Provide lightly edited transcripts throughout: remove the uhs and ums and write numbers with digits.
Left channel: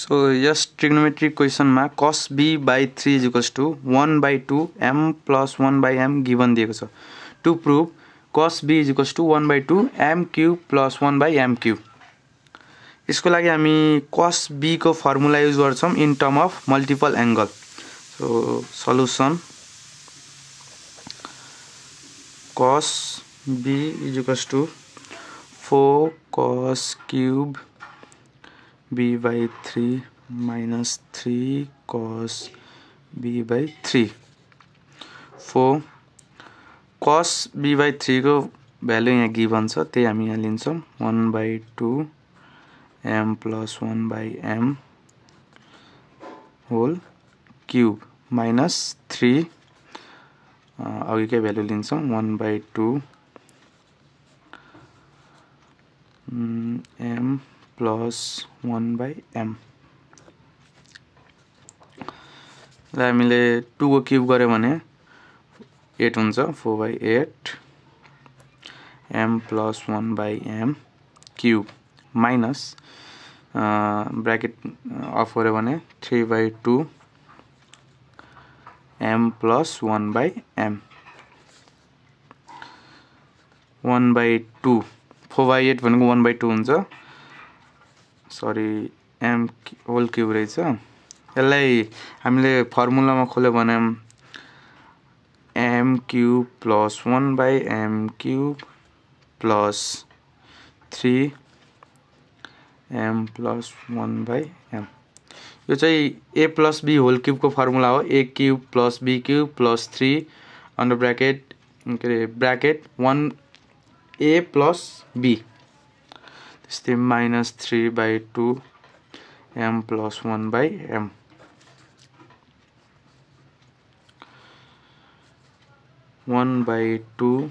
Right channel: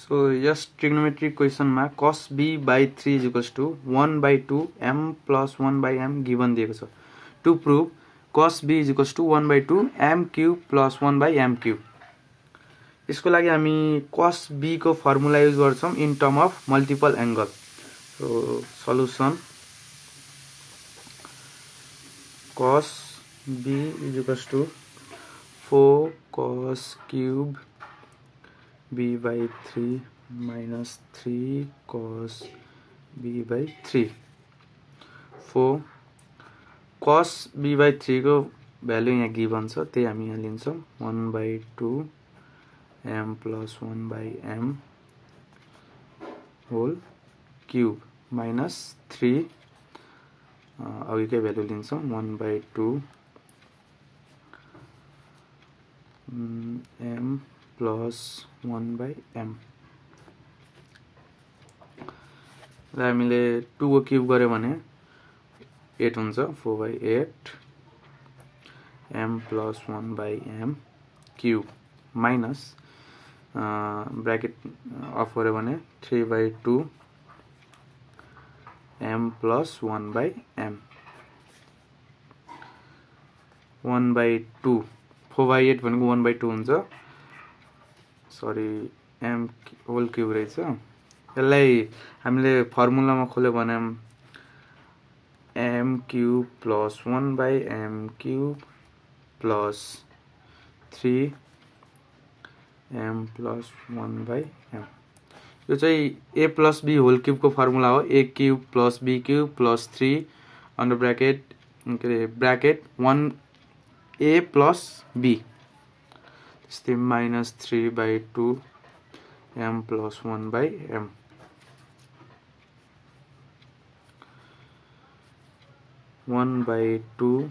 So yes, trigonometric question मा cos b by 3 is equals to 1 by 2 m plus 1 by m given दिएको छ. To prove cos b is equals to 1 by 2 m cube plus 1 by m cube. यसको लागि हामी cos b को formula use गर्छौं in term of multiple angle. So solution cos b is equals to 4 cos cube b by 3 minus 3 cos b by 3. 4 cos b by 3 को value यहाँ given छ, त्यही हामी यहाँ लिन्छौं 1 by 2 m plus 1 by m whole cube minus 3 अघिकै value लिन्छौं 1 by 2 m plus 1 by m. र हामीले 2 को क्यूब गर्यो भने 8 हुन्छ 4 by 8 m plus 1 by m cube minus bracket of गर्यो भने 3 by 2 m plus 1 by m 1 by 2 4 by 8 भनेको 1 by 2 हुन्छ. सरी m होल क्यूब रहेछ. यसलाई हामीले फर्मुलामा खोल्यो भने m cube plus 1 by m cube plus 3 m plus 1 by m. यो चाहिँ a plus b whole cube को फर्मुला हो. a cube plus b cube plus 3 under bracket bracket 1 a plus b. त्यस्तै minus 3 by 2 m plus 1 by m. One by 2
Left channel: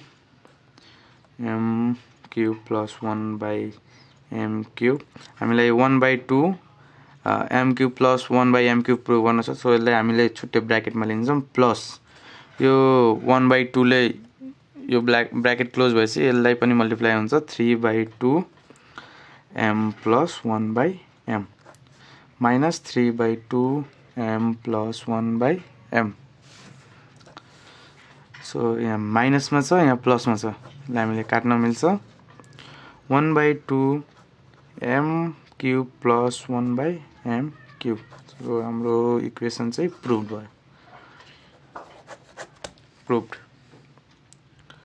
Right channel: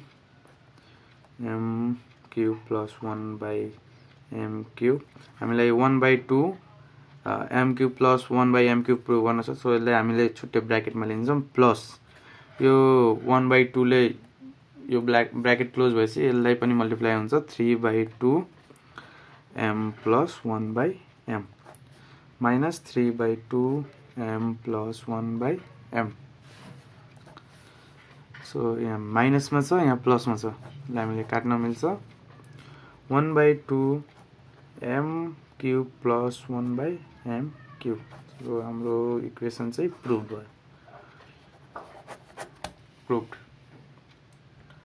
m cube plus 1 by m cube. हामीलाई 1 by 2 m cube plus 1 by m cube prove गर्न छ. So यसलाई हामीले छुट्टै ब्र्याकेटमा लिन्छौं plus यो 1 by 2 ले यो ब्र्याकेट क्लोज भएपछि यसलाई पनि मल्टिप्लाई हुन्छ 3 by 2 m plus 1 by m minus 3 by 2 m plus 1 by m. So यहाँ माइनस में छ, यहाँ प्लस में छ. यसलाई हामीले काट्न मिल्छ 1 by 2 m cube plus 1 by m cube. So हाम्रो इक्वेसन चाहिँ प्रुभड भयो.